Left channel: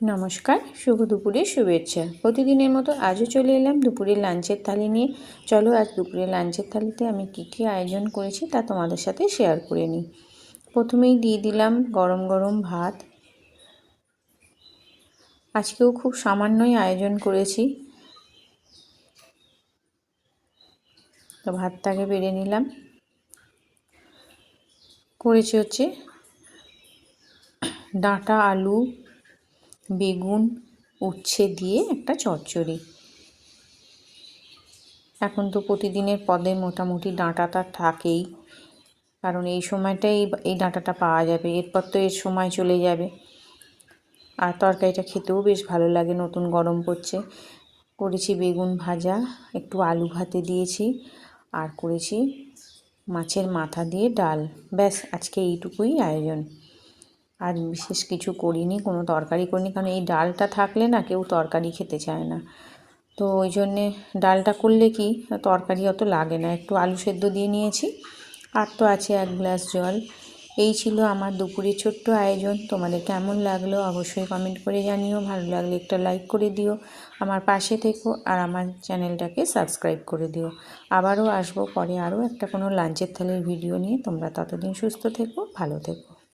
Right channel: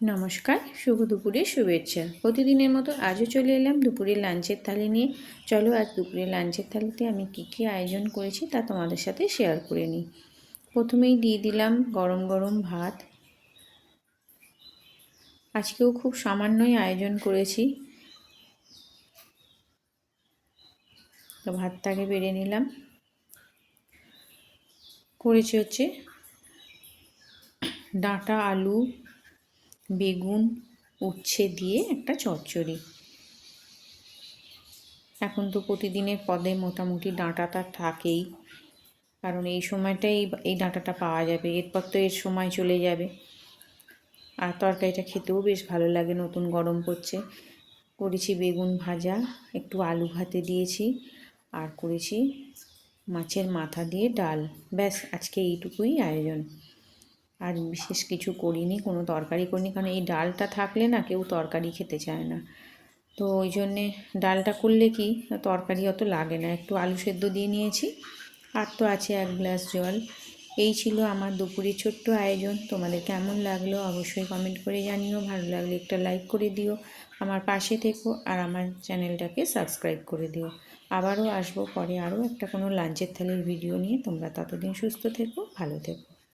নমস্কার, শুভ দুপুরের শুভেচ্ছা। প্রতিদিনের মতো আজও চলে এলাম দুপুরের লাঞ্চের থালি নিয়ে। চলো আজ দুপুরের লাঞ্চের থালিতে আমি কী আয়োজন করেছি তা তোমাদের সাথে শেয়ার করে নিই। প্রথমেই দিয়ে দিলাম গরম গরম ভাত। আজকেও খুব সামান্যই আয়োজন করেছি, তো ভাতটাকে বেড়ে নিলাম। করেছি হচ্ছে ডাঁটা, আলু, বেগুন, উচ্ছে দিয়ে একটা চচ্চড়ি। এখন তো প্রতিদিনের পদে মোটামুটি ডাঁটাটা থাকেই, কারণ এই সময়টাই এই ডাঁটাটা পাওয়া যাবে, এরপর তো এর সময় চলে যাবে। আর তরকারিটা খেতেও বেশ ভালো লাগে, নতুন গরম পড়ছে। করেছি বেগুন ভাজা, একটু আলু ভাতে দিয়েছি, আর করেছি মাছের মাথা দিয়ে ডাল। ব্যাস, আজকে এইটুকুই আয়োজন। আর বিশেষ কিছু করিনি, কোনো তরকারি করিনি, কারণ এই ডালটা থাকলে না কেউ তরকারি খেতে চায় না। তো ওই জন্যে ডালটা করলে কি তরকারি অত লাগে না। একটু আলু সেদ্ধ দিয়ে নিয়েছি, আর তো আছে 1 গ্লাস জল। এই ছিল আমার দুপুরের ছোট্ট আয়োজন। তোমাদের কেমন লাগলো অবশ্যই কমেন্ট করে জানিও। ভালো লাগলে একটা লাইক করে দিও, আমার পাশে থেকো, আর আমার চ্যানেলটাকে সাবস্ক্রাইব করে দিও। আবারও আসবো পরে আরও একটা কোনো লাঞ্চের থালির ভিডিও নিয়ে। তোমরা ততদিন সুস্থ থেকো, ভালো থেকো।